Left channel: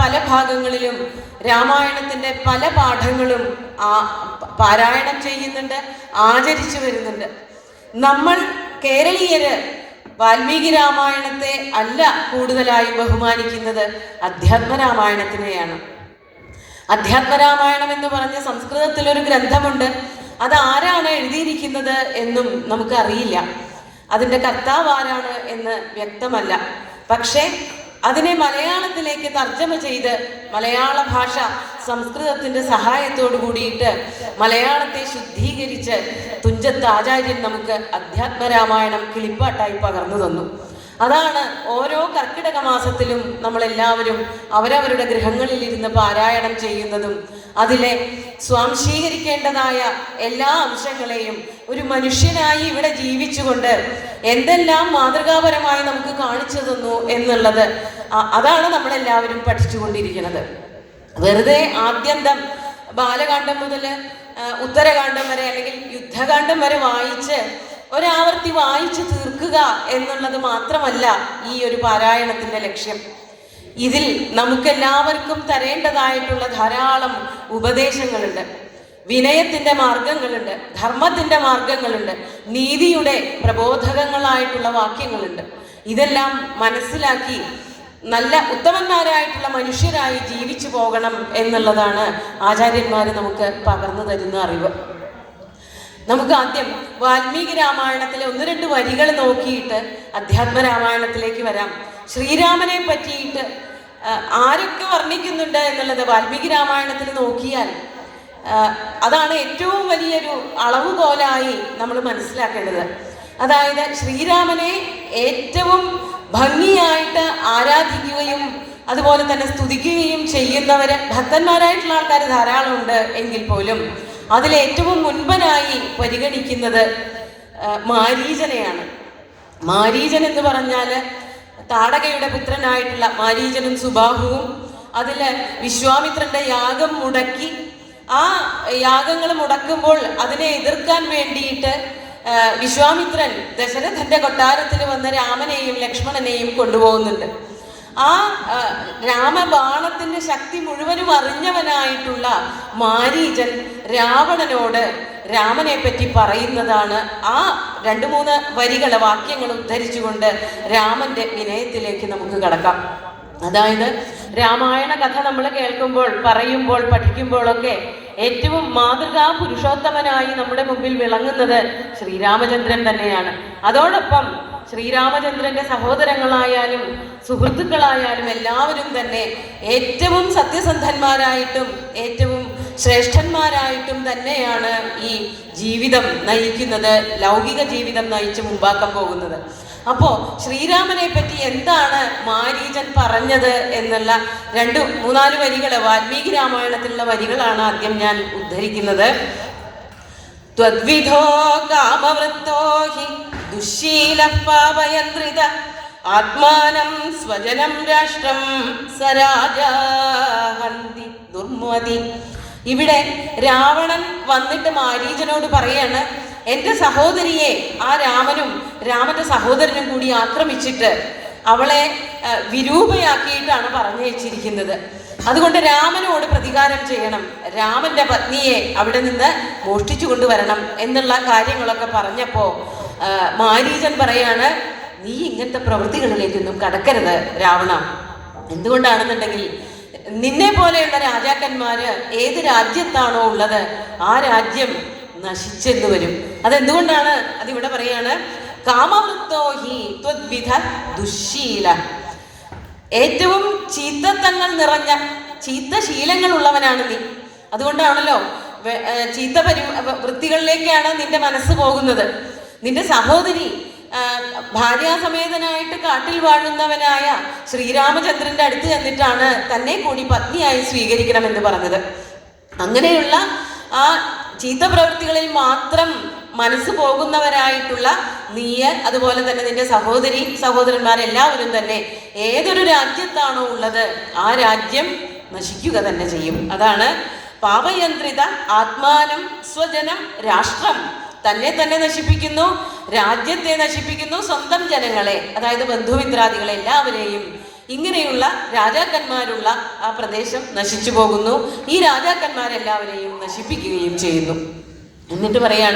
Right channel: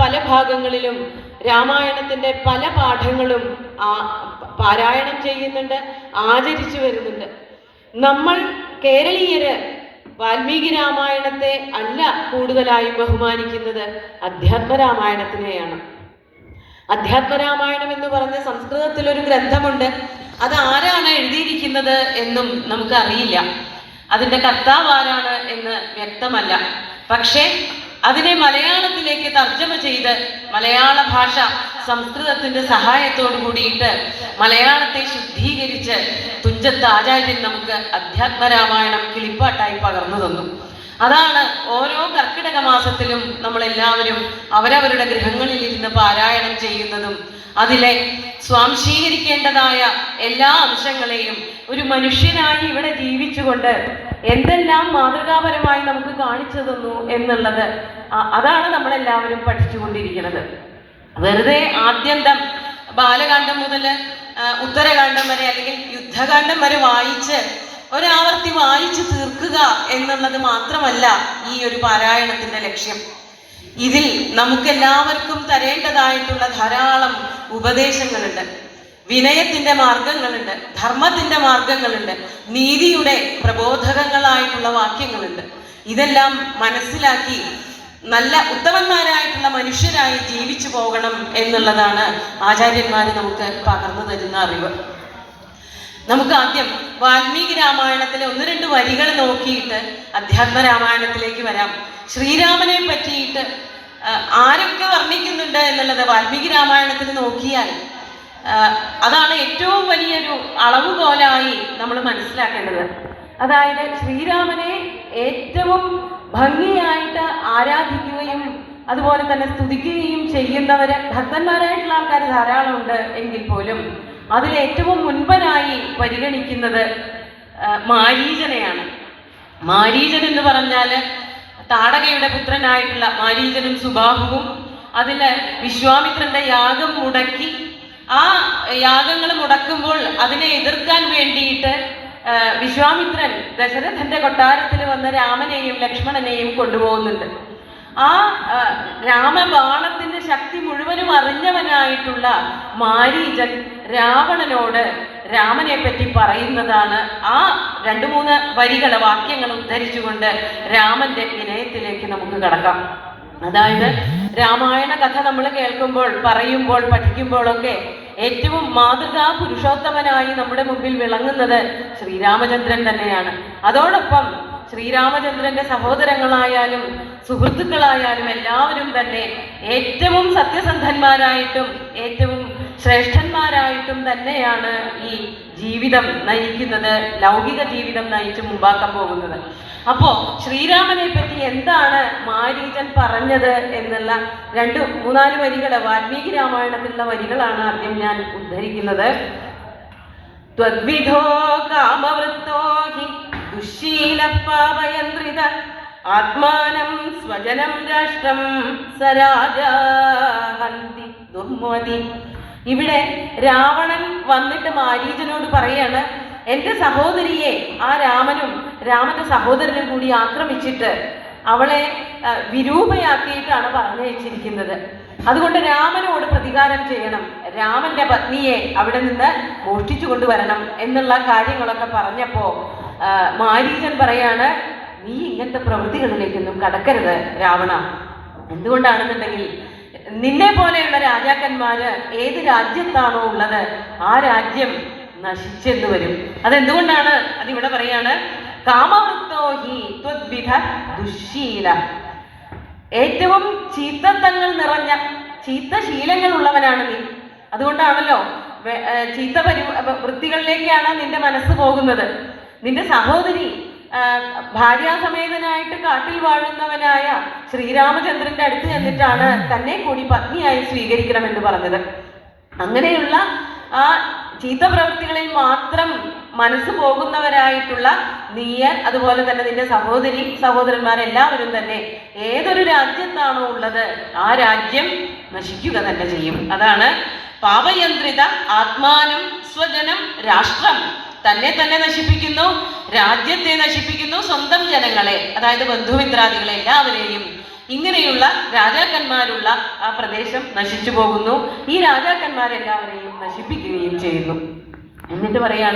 പല ഭാഗങ്ങളിലും രാമായണത്തിന്റെ പല പാഠങ്ങളും പാരായണം ചെയ്യുന്നുണ്ട്, ആചരിച്ചു വരുന്നുണ്ട്. നമ്മൾ കേരളീയര് വാൽമീകി രാമായണത്തെ അല്ല കൂടുതലായി ബഹുമാനിക്കുന്നത്, അധ്യാത്മരാമായണത്തിനെയാണ്. അധ്യാത്മരാമായണം എന്ന് പറഞ്ഞ സംസ്കൃതത്തിലൊരു ഗ്രന്ഥമുണ്ട്. അത് ആരാണ് എഴുതിയിരിക്കുന്നത് എന്നും നമുക്ക് അറിയില്ല. അതിൻ്റെ കർത്താവ് ആരാണ് എന്ന് വ്യക്തമല്ല. പക്ഷേ അതിനെ മലയാളത്തിലേക്ക് തർജ്ജമ ചെയ്ത് മലയാള ഭാഷ സംസ്കൃതത്തിൻ്റെ സഹായത്തോടു കൂടിയിട്ട് മലയാളത്തെ ശുദ്ധീകരിച്ച് തുഞ്ചത്ത് ആചാര്യൻ നമുക്ക് അധ്യാത്മരാമായണം കിളിപ്പാട്ടായി പകർന്നു തന്നു. അതാണ് ഓരോ കർക്കിടക മാസത്തിലും നമ്മളെല്ലാവരും അവരവരുടെ ഗൃഹങ്ങളിൽ ഇരുന്ന് പാരായണം ചെയ്യുന്നതും അതിലെ സ്വാംശീകരിക്കേണ്ടതായ എല്ലാ അംശങ്ങളെയും ഒരു മനുഷ്യനായി ഇവിടെ ജീവിച്ചുകൊണ്ട് എന്തെല്ലാം മാതൃകാപരമായി നമുക്ക് കാണിച്ചു തന്നു എന്നുള്ളത് അതാണ് നമ്മളെല്ലാവരും പഠിച്ചുകൊണ്ടിരിക്കുന്നത്. വെറുതെ ആദ്യന്തം ബാലകാന്ഡം മുതൽ ഉത്തരകാന്ഡം വരെ അല്ലെങ്കിൽ യുദ്ധകാന്ഡം വരെ വായിച്ച് ഒരാവർത്തി വായിച്ചു തീർക്കുക എന്നുള്ളത് മാത്രമല്ല ഈ ഒരു പാരായണത്തിന്റെ ലക്ഷ്യം. ഇതിൽ നമുക്കെല്ലാവർക്കും തരേണ്ടതായിട്ടുള്ള ധാരാളം ഉപദേശങ്ങളുണ്ട്, വിനയത്തിന്റെ മാർഗങ്ങളുണ്ട്, ധർമ്മത്തിന്റെ മാർഗങ്ങളുണ്ട്, നീതിയുടെ പ്രബോധകങ്ങളായിട്ടുള്ള വാക്യങ്ങളുണ്ട്. ഇതെല്ലാം മനസ്സിലാക്കി നല്ല ഉത്തമന്മാരായിട്ടുള്ള മനുഷ്യരായി ജീവിച്ചു പോകണം എന്നുള്ളതാണ് ആചാര്യന്മാർ നമുക്ക് പകർന്നു തരുന്ന അറിവ്. നമുക്ക് ആദ്യം വാൽമീകി രാമായണത്തിലെ 1-2 വരികൾ നോക്കിയിട്ട് അധ്യാത്മരാമായണത്തിലേക്ക് വരാം. ശ്രീരാമനെ പറ്റിയിട്ട് ആരൊക്കെ വർണ്ണിക്കുന്നുണ്ട് എന്നുള്ളത് വാൽമീകി രാമായണത്തിൽ നോക്കിയാൽ അതാണ് ഏറ്റവും വലിയൊരു അളവുകോലായി നമ്മൾ മനസ്സിലാക്കേണ്ടത്. അതായത് ശ്രീരാമനെ ഏറ്റവും ഭംഗിയായിട്ട് ആരാധിക്കുകയും അതുപോലെ തന്നെ സ്തുതിക്കുകയും ചെയ്യുന്നവര് ഭക്തന്മാരായിട്ടുള്ള ആൾക്കാർ ധാരാളമുണ്ട് എങ്കിൽ പോലും അതിലേറ്റവും മുൻപനായി പരിഗണിക്കുന്നത് മാരീചനെയാണ്. മാരീചൻ എന്ന് പറഞ്ഞാൽ താടകയുടെ പുത്രനായിട്ടുള്ള മാരീചനും സുബാഹുവും അതില് വിശ്വാമിത്രന്റെ യാഗം മുടക്കി ആ യാഗങ്ങൾ മുടക്കുമ്പോൾ അതിനെ എതിർക്കാൻ വേണ്ടിയിട്ട് വിശ്വാമിത്രൻ ദശരഥന്റെ കൊട്ടാരത്തിൽ വന്ന രാമനെയും ലക്ഷ്മണനെയും കൊണ്ടുപോകുന്നുണ്ട്. ആ രാമബാണത്തിന്റെ ശക്തി മുഴുവനും അറിഞ്ഞവനായിട്ടുള്ള മാരീചൻ രാവണനോട് രാമനെ പറ്റി പറയുന്നതാണ്. ആ 2-3 വരികൾ വാക്യങ്ങൾ ഉദ്ധരിച്ചുകൊണ്ട് രാമന്റെ വിനയത്തിലേക്ക് നമുക്ക് കടക്കാം. അതായത് രാമായണ കഥ നമ്മൾ കേൾക്കുമ്പോൾ, പറയുമ്പോൾ, പഠിക്കുമ്പോഴൊക്കെ ഏറ്റവും മാതൃകാ പുരുഷോത്തമനായി നമ്മുടെ മുമ്പിൽ വിളങ്ങുന്നത് ശ്രീരാമചന്ദ്രൻ തന്നെയാണ്. അതോടൊപ്പം ശ്രീരാമചന്ദ്രന്റെ സഹോദരങ്ങളായാലും സുഹൃത്തുക്കളായാലും എല്ലാവരും തന്നെ ഏറ്റവും സത്യസന്ധന്മാരായിട്ടും ഏറ്റവും ശ്രേഷ്ഠന്മാരായിട്ടും തന്നെയാണ് ഈ ജീവിതം നയിക്കുന്നത്, ലൗകിക ജീവിതം നയിച്ച് മുമ്പാക്കാൻ പോകുന്നത്. അപ്പോ ശ്രീരാമനെ പറ്റി എന്താണ് മാരീചൻ പറഞ്ഞത് എന്നുള്ള 2-3-4 വരികൾ വാൽമീകി രാമായണത്തിലുള്ള വരികളാണ് ആദ്യം ഞാൻ ഉദ്ധരിക്കുന്നത്. ത്വദ്വിധോ കാമവൃത്തോ ഹി ദുശ്ശീലഃ പാപയന്ത്രിത ആത്മാനം സ്വജനം രാഷ്ട്രം സരാജാഹന്തി ദുർമതി. ഇവിടെ രാവണൻ വന്നിട്ട് മാരീചനോട് പറയാണ്, എൻ്റെ സഹോദരിയെ ആ രാമനും രാമന്റെ സഹോദരനും കൂടി ആക്രമിച്ചിട്ട് അവളെ വിരൂപയാക്കിയിട്ടാണ് പറഞ്ഞയച്ചിരിക്കുന്നത്. അതുകൊണ്ട് രാമനോട് പ്രതികാരം ചെയ്യണം, രാമന്റെ പത്നിയെ അവിടെ നിന്ന് മോഷ്ടിച്ചു കൊണ്ടുവരണം എന്നുള്ള കാര്യങ്ങളൊക്കെ പറഞ്ഞപ്പോ മാരീചൻ പറയാണ്, നീ ഇങ്ങനത്തെ പ്രവൃത്തികളിലേക്കൊന്നും കടക്കരുത് രാവണ. എന്തുകൊണ്ടാണെന്നുണ്ടെങ്കിൽ നിന്നെ പോലെയുള്ള രാജാക്കന്മാര് ഏത് രാജ്യത്താണോ ഉള്ളത് ആ രാജ്യം നശിച്ചെന്ന് വരും. അതെന്തുകൊണ്ടാണ്? അതിവിടെ പറയാണ്, കാമവൃത്തോ ഹി ത്വദ്വിധ ദുശ്ശീല. ഏറ്റവും ചീത്തത്തങ്ങൾ നിറഞ്ഞ ചീത്ത ശീലങ്ങൾ ഉള്ളവനാണ് നീ. അതുകൊണ്ടാണല്ലോ ചീത്ത വൃത്തികളിലേക്കാണ് നിന്റെ മനസ്സ് പോകുന്നത്. നിന്റെ സഹോദരി ഭാര്യാസമേതനായിട്ട് കാട്ടിൽ വാഴുന്നവനായ ശ്രീരാമചന്ദ്രന്റെ അടുത്ത് ചെന്നിട്ടാണ് തന്നെ കൂടി പത്നിയായി സ്വീകരിക്കണമെന്ന് പറഞ്ഞത്. അങ്ങനെയുള്ള ആ ചീത്ത പ്രവൃത്തികളിൽ മാത്രം മനസ്സ് പോകുന്നവരായിട്ടുള്ള നീയ്, അതുപോലെ തന്നെ നിന്റെ സഹോദരന്മാരെല്ലാവരും തന്നെ ഏതൊരു രാജ്യത്താണോ ഉള്ളത് ആ രാജ്യം നശിക്കുക തന്നെ ചെയ്യും. അതാണ് പാപയന്ത്രിത ആത്മാനം സ്വജനം രാഷ്ട്രം. തന്നെ നശിപ്പിക്കുന്നു, രാജ്യത്തെ നശിപ്പിക്കുന്നു, സ്വന്തം ജനങ്ങളെ അതായത് ബന്ധുമിത്രാദികളെ എല്ലാവരെയും ഇങ്ങനെയുള്ള രാജാക്കന്മാരുള്ള ആ പ്രദേശം നശിച്ചു പോകുന്നു. ഈ രാജാക്കന്മാരെല്ലാവരെയും നശിപ്പിക്കുകയും ചെയ്യുന്നു. എന്നിട്ട് പറയാണ്,